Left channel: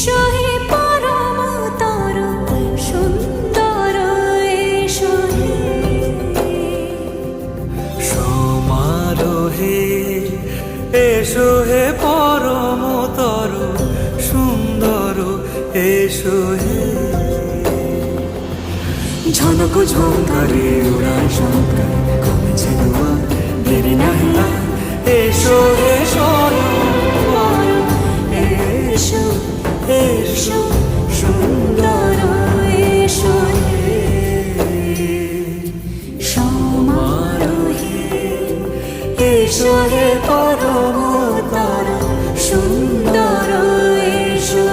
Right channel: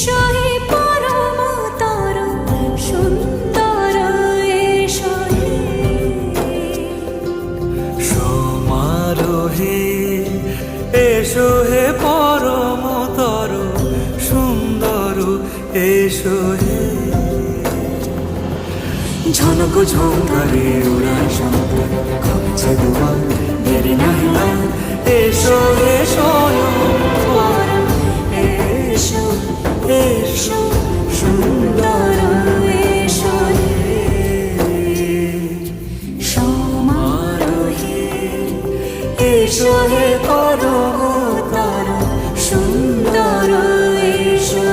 এসো হে পরমতর সুন্দর এসো হে সমারোহে এসো হে পরমতর সুন্দর এসো হে ঝনক ঝঙ্কারে উড়ায় শঙ্কারে কমেছে দুয়ার দেরি নাহি আর এসো হে স্বয়ং বর এসো এসো সুন্দর এসো হে সমারোহে এসো হে পরমতর সুন্দর এসো